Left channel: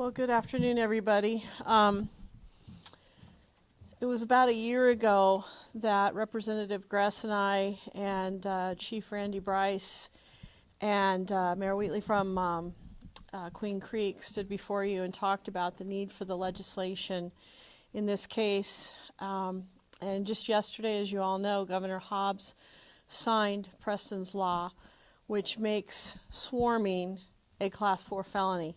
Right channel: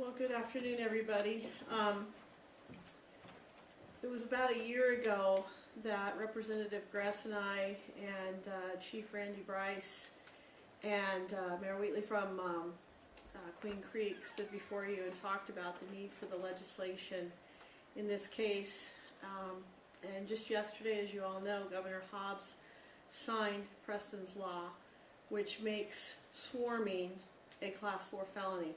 Well, good afternoon, everybody. It was about a year ago that Representative Gress and I and Chief Randy Bryce and Mayor Wheatley from Queen Creek stood before you and talked about the need for the legislation in this case. And just yesterday, as you all know, Governor Hobbs signed Preston's law, which makes swarming a Class 4 felony.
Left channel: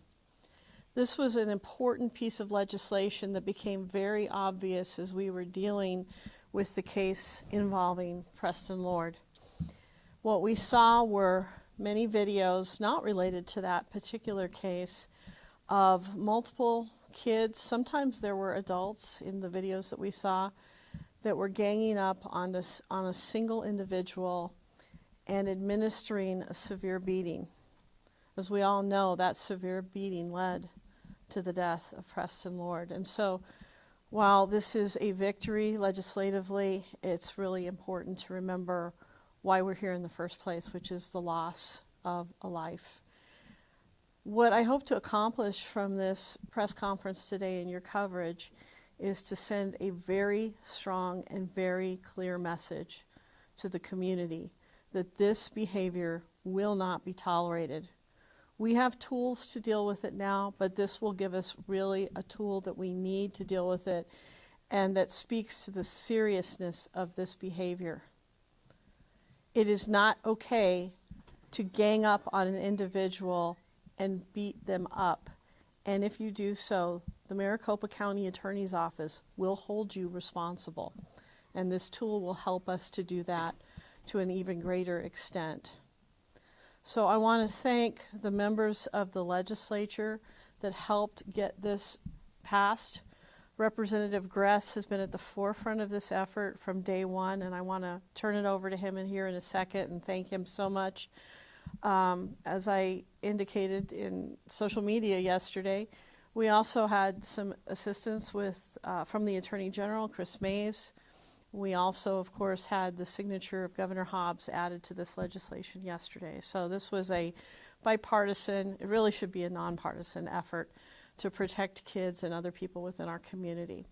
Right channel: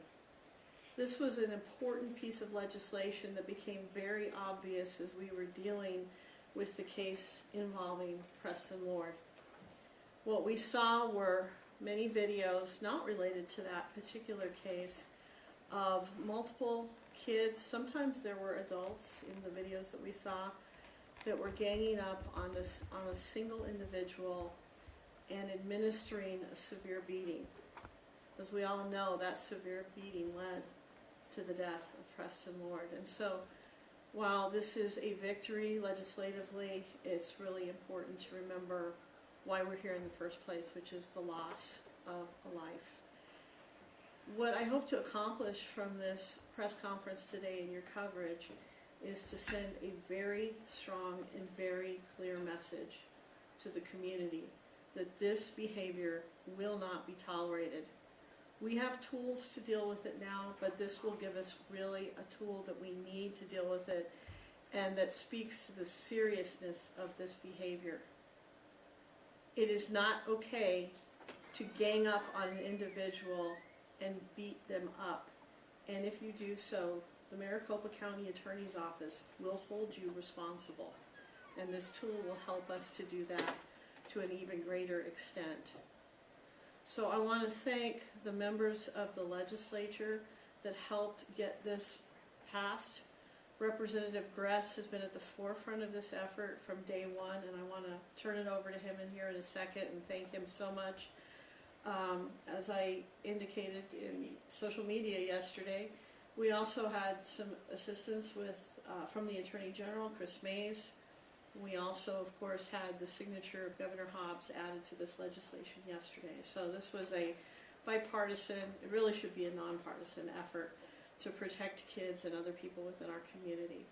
This was an important piece of legislation that became very obvious as we were dealing with the case involving Preston Lord. What we saw were many videos not related to that particular case of multiple kids. Sometimes there were adults in the videos that we saw that were ganging up on a single individual and administering a severe beating. As we all know, that severe beating led to the death of Preston Lord. And so while this is a victory legislatively, it's really important to remember why we're here in the first place, which is the loss of a life. What I hope to accomplish from this press conference today and your coverage is to send a very strong and very clear message to the community that this behavior will not be tolerated. We have tools to deal with it now, but this will give us really a tool that we need to deal with it and that speaks to the seriousness of this behavior. It is not okay to gang up on an individual and beat them up. And if you do so, the Maricopa County Attorney's Office will hold you responsible. And this tool will help us to do that to an even greater extent. So I want to thank the members of the legislature that helped get this passed. Representative Gress has been at the forefront of this effort from day one, and I want to turn it over to him in here in a second and thank him so much. As I indicated in social media yesterday, we also had some assistance with from the Attorney General, Chris Mays. We also, of course, had the signature of Governor Hobbs added to this legislation yesterday. So this was a bipartisan, it really should be a nonpartisan effort to protect kids and other people within our community.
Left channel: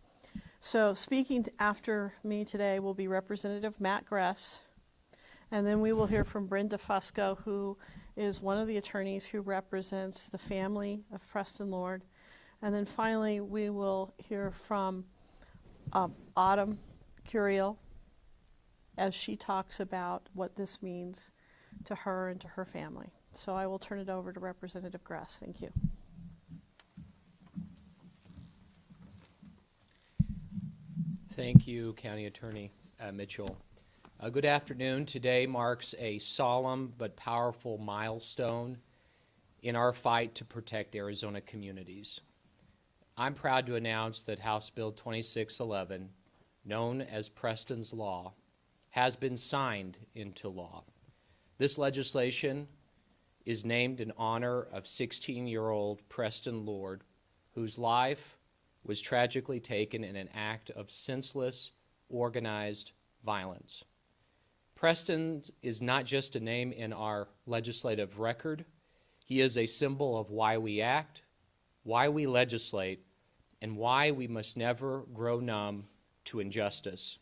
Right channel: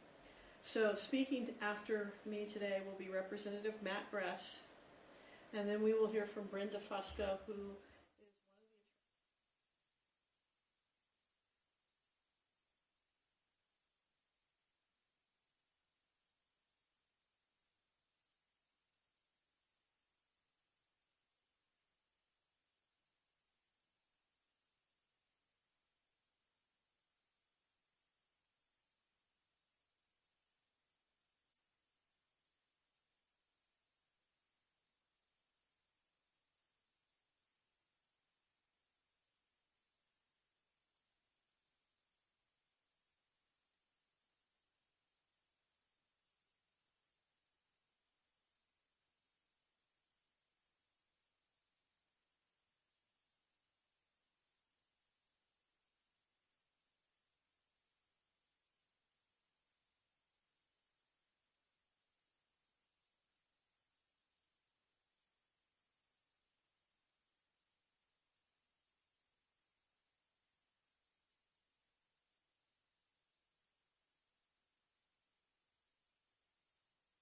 So speaking after me today will be Representative Matt Gress, and then we will hear from Brenda Fusco, who is one of the attorneys who represents the family of Preston Lord. And then finally, we will hear from Autumn Curiel as she talks about what this means to her and to her family. So I will turn it over to Representative Gress. Thank you. Thank you, County Attorney Mitchell. Good afternoon. Today marks a solemn but powerful milestone in our fight to protect Arizona communities. I'm proud to announce that House Bill 2611, known as Preston's Law, has been signed into law. This legislation is named in honor of 16-year-old Preston Lord, whose life was tragically taken in an act of senseless, organized violence. Preston is not just a name in our legislative record. He is a symbol of why we act, why we legislate, and why we must never grow numb to injustice.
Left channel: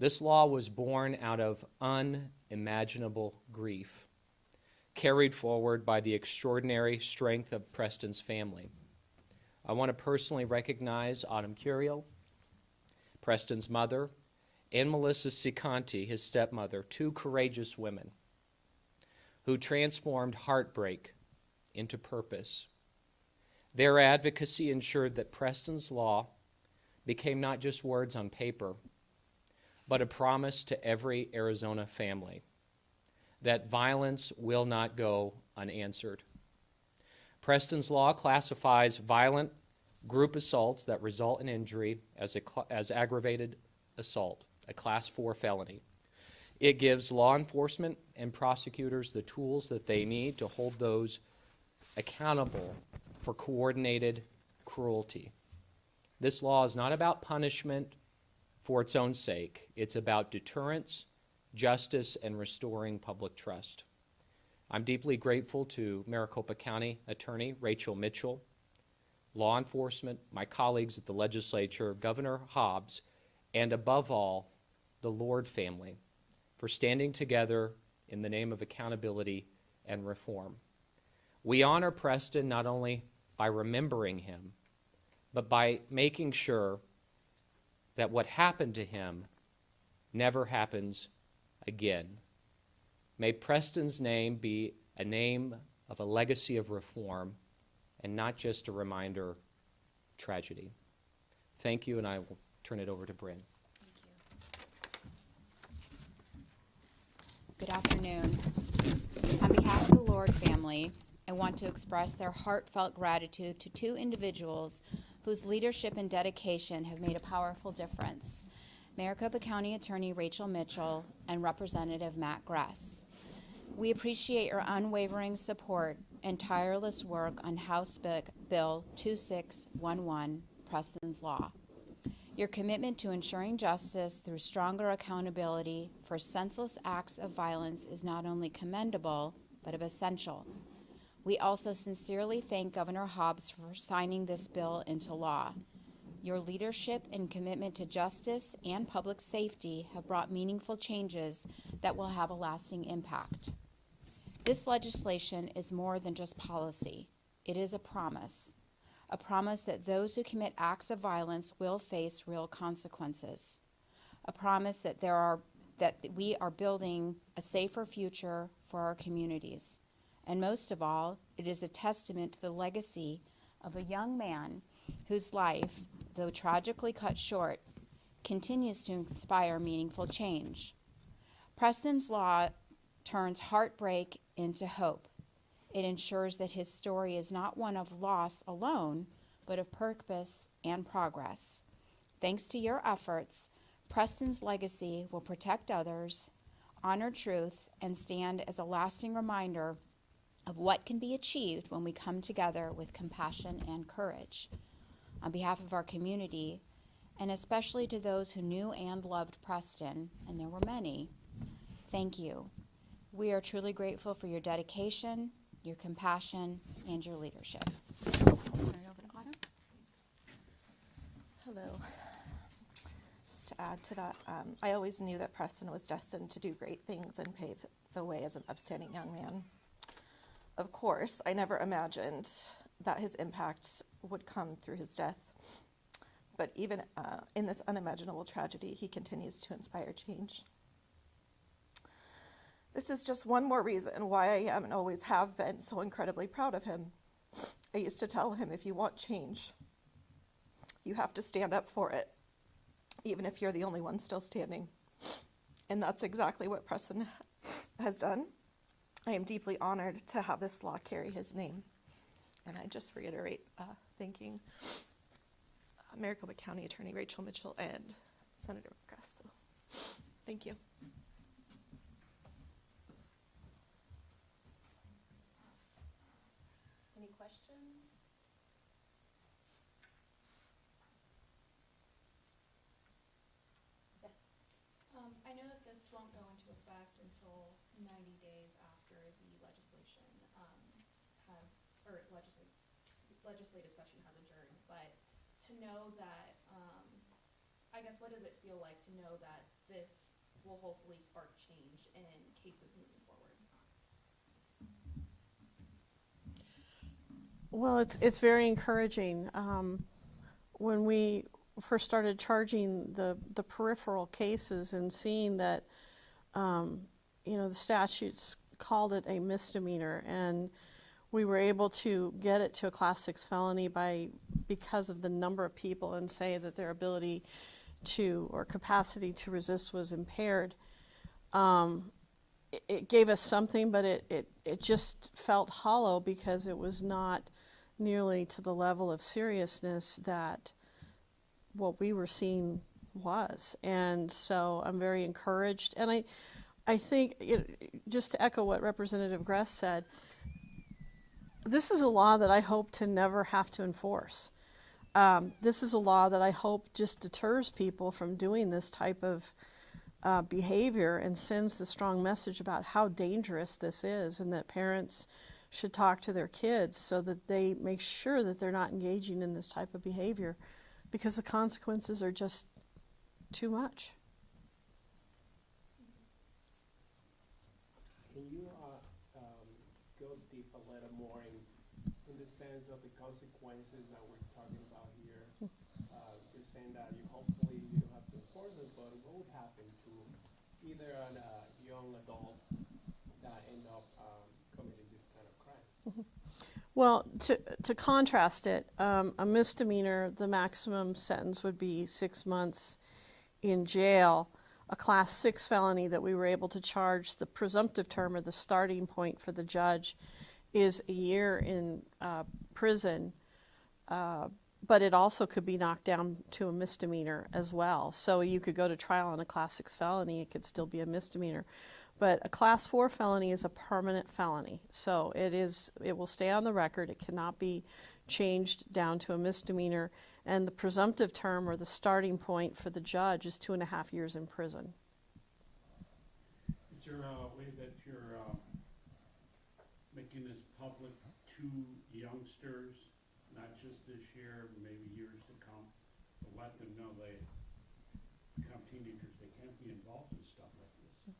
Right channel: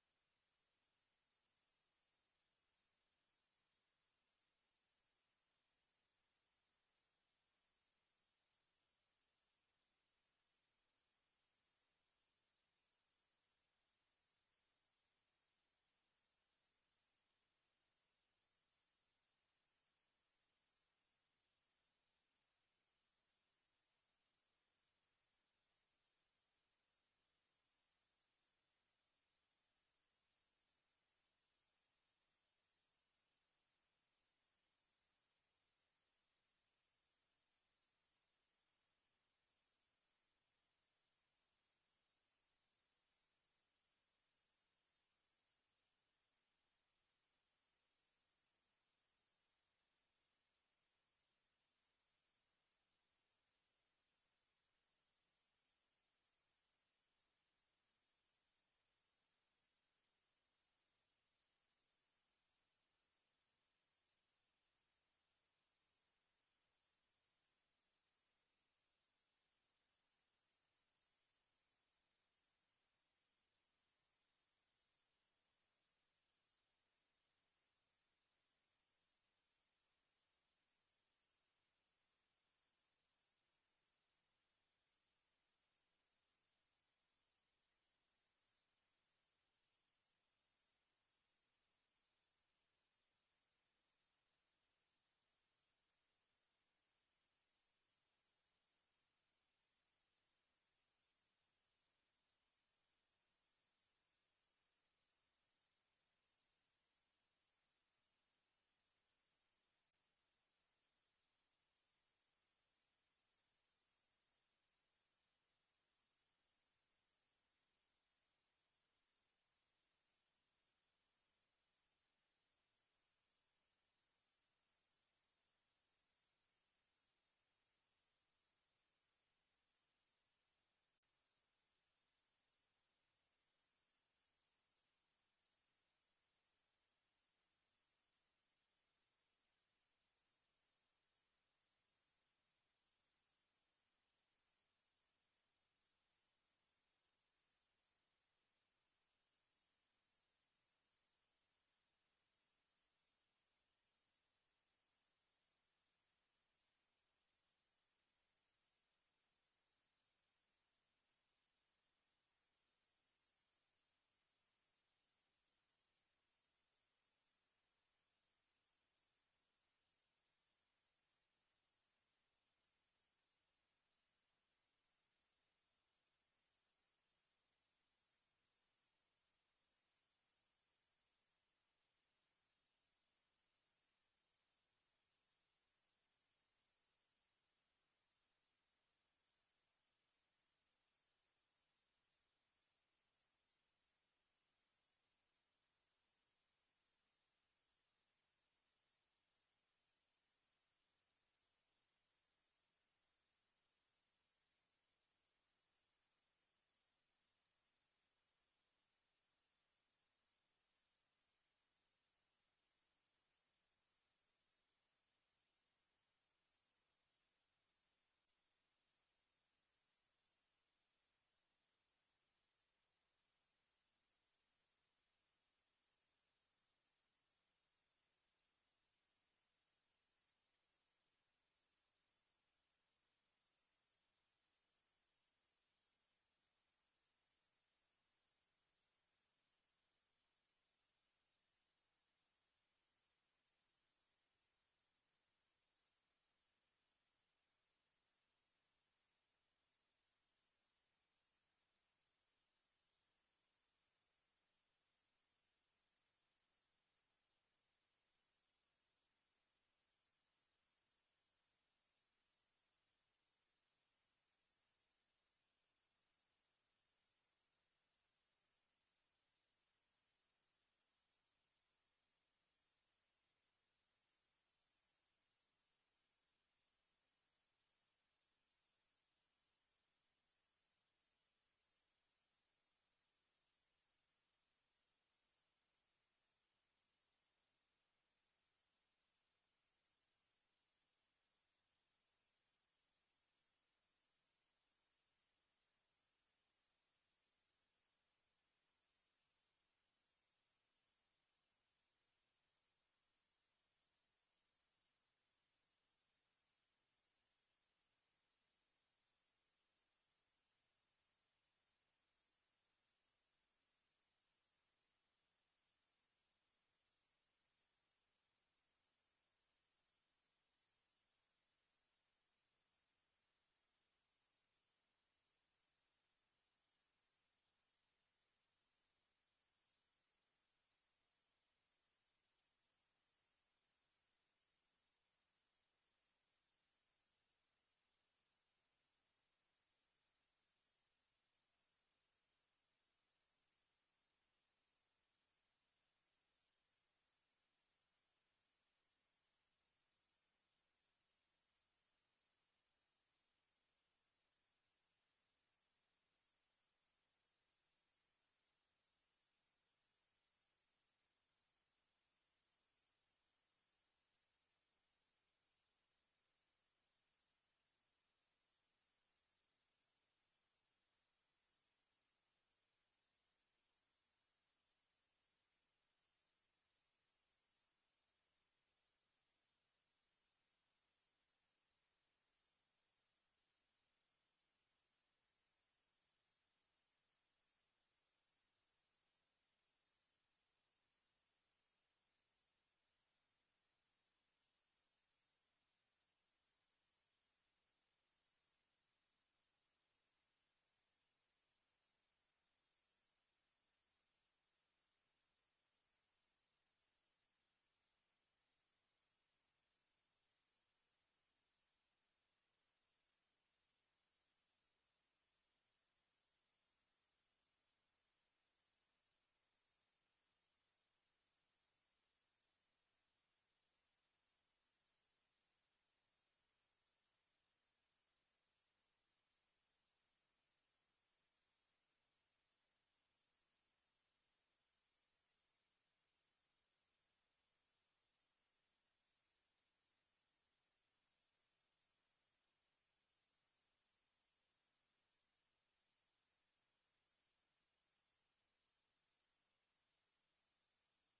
This law was born out of unimaginable grief, carried forward by the extraordinary strength of Preston's family. I want to personally recognize Autumn Curiel, Preston's mother, and Melissa Cicanti, his stepmother, two courageous women who transformed heartbreak into purpose. Their advocacy ensured that Preston's Law became not just words on paper, but a promise to every Arizona family that violence will not go unanswered. Preston's Law classifies violent group assaults that result in injury as aggravated assault, a Class 4 felony. It gives law enforcement and prosecutors the tools that they need to hold those accountable for coordinated cruelty. This law is not about punishment for its own sake. It's about deterrence, justice, and restoring public trust. I'm deeply grateful to Maricopa County Attorney Rachel Mitchell law enforcement, my colleagues at the legislature, Governor Hobbs, and above all, the Lord family for standing together in the name of accountability and reform. We honor Preston not only by remembering him, but by making sure that what happened to him never happens again. May Preston's name be a name of a legacy of reform and not just a reminder of tragedy. Thank you, and I will turn it over to Bryn. Good afternoon. On behalf of the Lord family, I want to express their heartfelt gratitude to two individuals whose leadership and dedication have made a powerful difference: Maricopa County Attorney Rachel Mitchell and Representative Matt Gress. We appreciate your unwavering support and tireless work on House Bill 2611, Preston's Law. Your commitment to ensuring justice through stronger accountability for senseless acts of violence is not only commendable, but essential. We also sincerely thank Governor Hobbs for signing this bill into law. Your leadership and commitment to justice and public safety have brought meaningful changes that will have a lasting impact. This legislation is more than just policy. It is a promise that those who commit acts of violence will face real consequences, a promise that we are building a safer future for our communities. And most of all, it is a testament to the legacy of a young man whose life, though tragically cut short, continues to inspire meaningful change. Preston's Law turns heartbreak into hope. It ensures that his story is not one of loss alone, but of purpose and progress. Thanks to your efforts, Preston's legacy will protect others, honor truth, and stand as a lasting reminder of what can be achieved when we come together with compassion and courage. On behalf of our community, and especially to those who knew and loved Preston, and there were many, thank you. We are truly grateful for your dedication, your compassion, and your leadership. Turn it over to Autumn. Hello. Just to add to that, I always knew that Preston was destined to do great things and pave the way as an upstanding young man. Of course, I never imagined that his impact would come through his death. But even in this unimaginable tragedy, he continues to inspire change. This is just one more reason why I am and always have been so incredibly proud of him. I used to tell him, if you want change, you have to stand up for it, even if you're the only one still standing. And that's exactly what Preston has done. I am deeply honored to have this law carry his name. And I just reiterate thanking Maricopa County Attorney Rachel Mitchell and Senator Gress. So, thank you. Any questions? Yes. I know that this won't go into effect until 90 days after the legislative session has adjourned, but to know that, I guess, what does it feel like to know that this will hopefully spark change in cases moving forward? Well, it's very encouraging. When we first started charging the peripheral cases and seeing that, the statutes called it a misdemeanor, and we were able to get it to a Class 6 felony because of the number of people, and say that their ability to or capacity to resist was impaired. It gave us something, but it just felt hollow because it was not nearly to the level of seriousness that what we were seeing was. And so I'm very encouraged. And I think, just to echo what Representative Gress said, this is a law that I hope to never have to enforce. This is a law that I hope just deters people from doing this type of behavior and sends the strong message about how dangerous this is, and that parents should talk to their kids so that they make sure that they're not engaging in this type of behavior, because the consequences are just too much. Can you go deep a little more in the sense of the consequences that we're talking about here? You're saying that hopefully you don't have to enforce it, but what would happen to either a young adult that end up committing this kind of crime? Well, to contrast it, a misdemeanor, the maximum sentence would be 6 months in jail. A Class 6 felony that we were able to charge, the presumptive term or the starting point for the judge is a year in prison, but it also could be knocked down to a misdemeanor as well. So you could go to trial on a Class 6 felony, it could still be a misdemeanor. But a Class 4 felony is a permanent felony. So it will stay on the record. It cannot be changed down to a misdemeanor. And the presumptive term or the starting point for the judge is 2.5 years in prison. Is there a way that you're making this public to youngsters, not just this year, maybe years to come, to let them know they become teenagers, they can't be involved in stuff like this?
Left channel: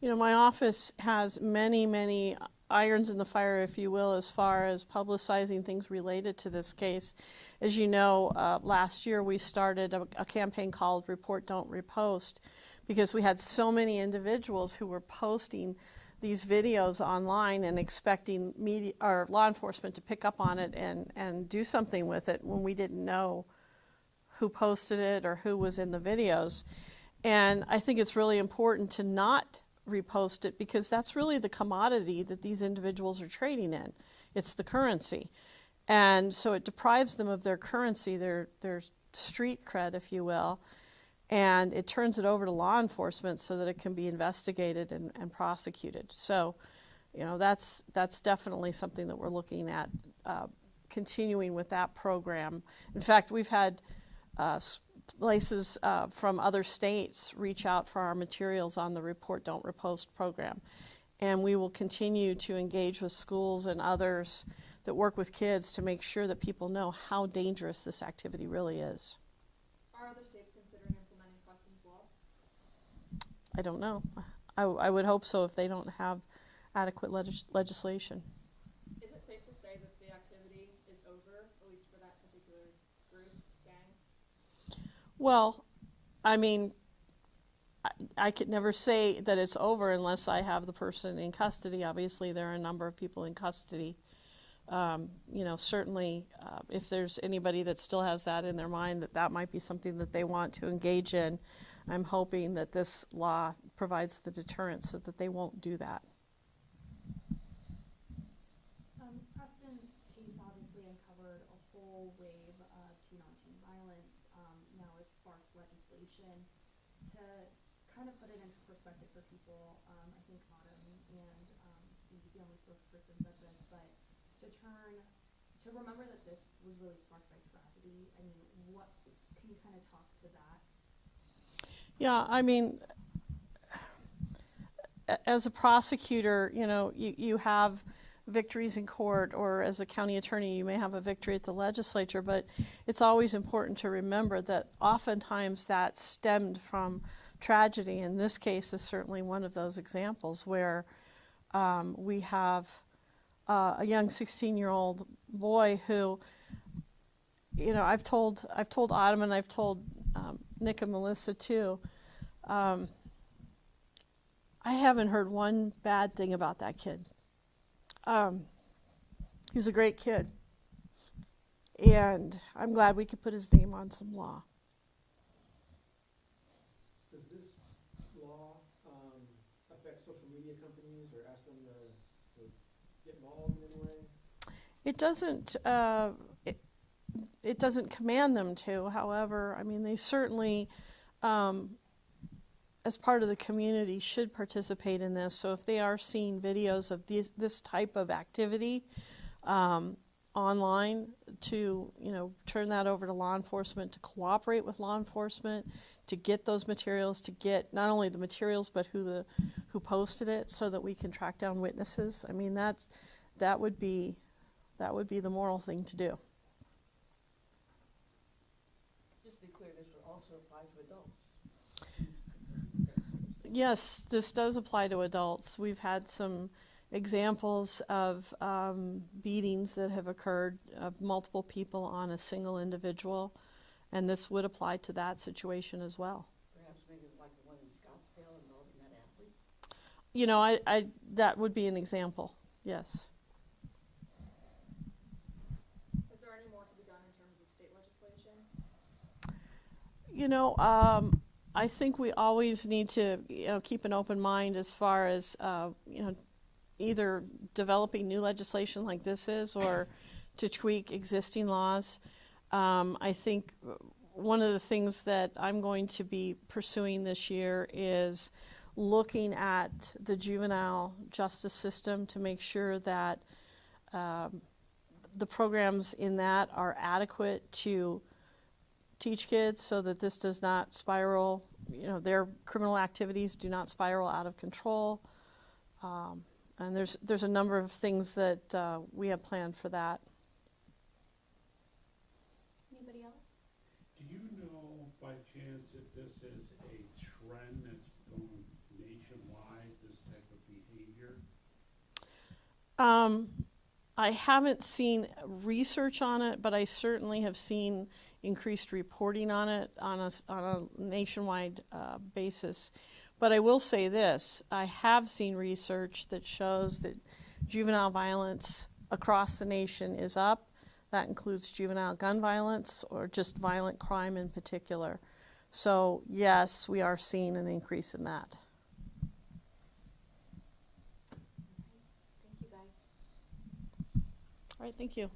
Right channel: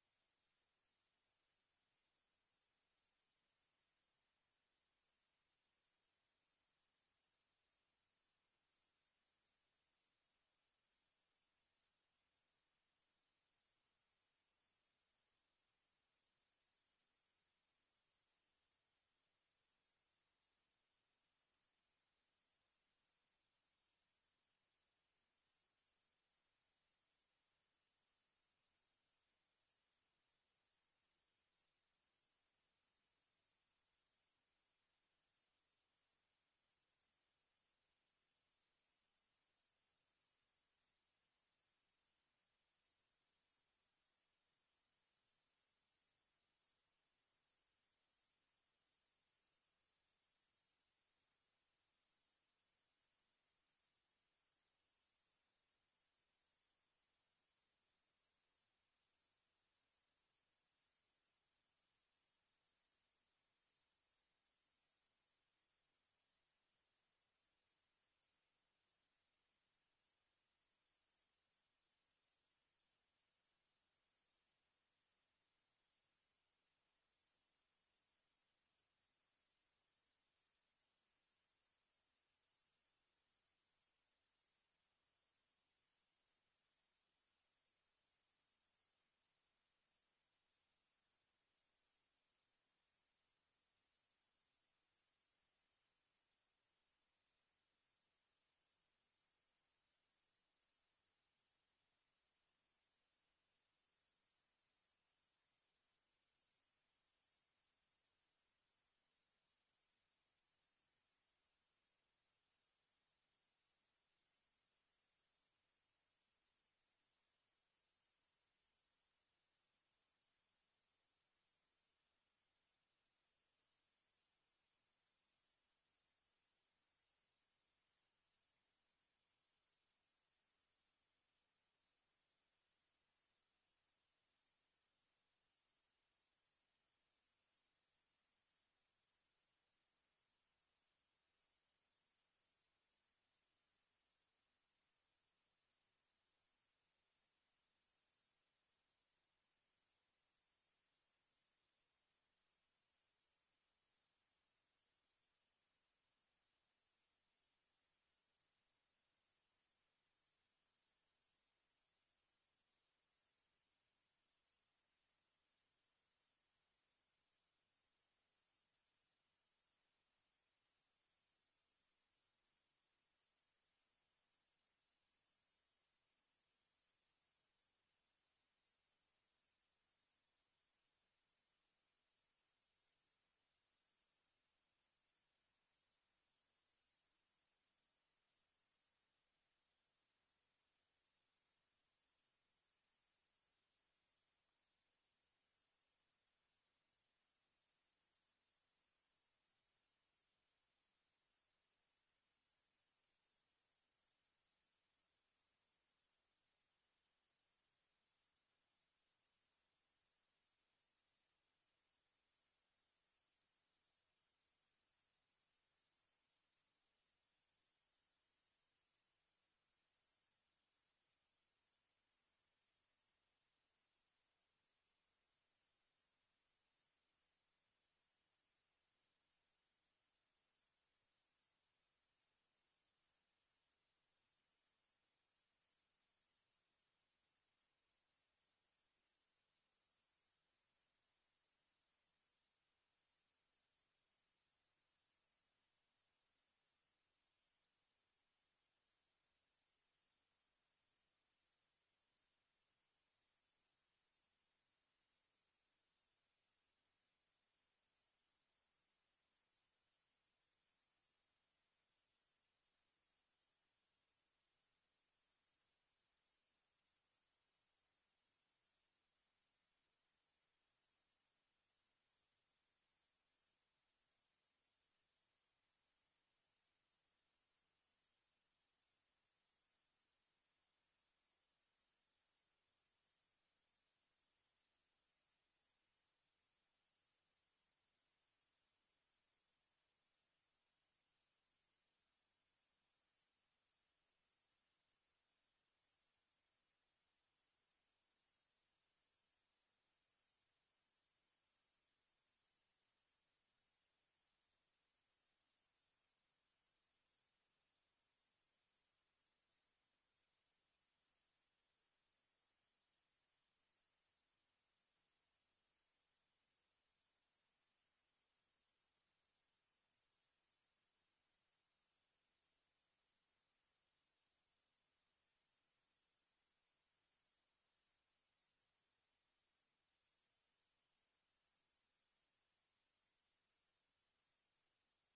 You know, my office has many, many irons in the fire, if you will, as far as publicizing things related to this case. As you know, last year we started a campaign called Report Don't Repost, because we had so many individuals who were posting these videos online and expecting media or law enforcement to pick up on it and do something with it when we didn't know who posted it or who was in the videos. And I think it's really important to not repost it, because that's really the commodity that these individuals are trading in. It's the currency. And so it deprives them of their currency, their street cred, if you will, and it turns it over to law enforcement so that it can be investigated and prosecuted. So, you know, that's definitely something that we're looking at, continuing with that program. In fact, we've had places from other states reach out for our materials on the Report Don't Repost program. And we will continue to engage with schools and others that work with kids to make sure that people know how dangerous this activity really is. Are other states considering implementing Preston's law? I don't know. I would hope so if they don't have adequate legislation. Is it safe to say that the activity is over, at least for that particular group, gang? Well, I mean, I could never say that it's over unless I have the person in custody. Obviously, there are a number of people in custody. You know, certainly if there's anybody that still has that in their mind, that might be something that they want to engage in, I'm hoping that this law provides the deterrence so that they won't do that. Preston's case obviously uncovered a whole wave of teen-on-teen violence. Now it's sparked legislation. To kind of put it into perspective for people, I think Autumn and the only spokesperson said this, but to remember that this was really sparked by tragedy. I mean, what can you kind of talk to that? Yeah, I mean, as a prosecutor, you know, you have victories in court, or as a county attorney, you may have a victory at the legislature, but it's always important to remember that oftentimes that stemmed from tragedy. And this case is certainly one of those examples where we have a young 16-year-old boy who, you know, I've told Autumn, and I've told Nick and Melissa too, I haven't heard one bad thing about that kid. He's a great kid, and I'm glad we could put his name on some law. Does this law affect social media companies or ask them to get involved in any way? It doesn't. It doesn't command them to. However, I mean, they certainly, as part of the community, should participate in this. So if they are seeing videos of this type of activity online, to turn that over to law enforcement, to cooperate with law enforcement, to get those materials, to get not only the materials but who posted it, so that we can track down witnesses. I mean, that would be the moral thing to do. Just to be clear, this would also apply to adults. Yes, this does apply to adults. We've had some examples of beatings that have occurred of multiple people on a single individual, and this would apply to that situation as well. Perhaps maybe like the one in Scottsdale involving that athlete? You know, I that would be an example, yes. Is there any more to be done in terms of state legislation? You know, I think we always need to, keep an open mind as far as, either developing new legislation like this is or to tweak existing laws. I think one of the things that I'm going to be pursuing this year is looking at the juvenile justice system to make sure that the programs in that are adequate to teach kids so that this does not spiral, their criminal activities do not spiral out of control. And there's a number of things that we have planned for that. Anybody else? Do you know by chance if this is a trend that's going nationwide, this type of behavior? I haven't seen research on it, but I certainly have seen increased reporting on it on a nationwide basis. But I will say this, I have seen research that shows that juvenile violence across the nation is up. That includes juvenile gun violence or just violent crime in particular. So yes, we are seeing an increase in that. Thank you, guys. All right, thank you.